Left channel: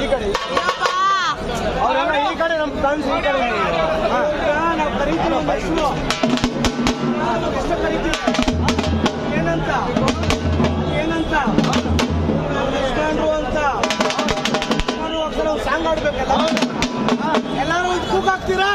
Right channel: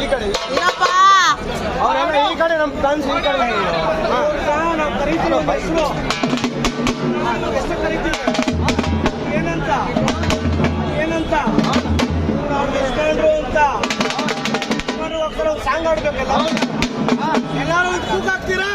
ಈ ಕಡೆ ಅವರೆಲ್ಲ ಈ ಕಡೆ ನಮ್ಮ ಫ್ರೆಂಡ್ಸ್ ಈ ಕಡೆ ನಾವು ಕರೀತೀವಿ ಎಷ್ಟು ಕರೀತೀವಿ ಏನಂತ ಏನಂತ ಎಷ್ಟೊಂಡ್ರು ಅಂತ ಸಾಂಗ್ ಆಡ್ಬೇಕಲ್ಲ ಎಲ್ಲರೂ ಕೂಗಾಕ್ತೀರಾ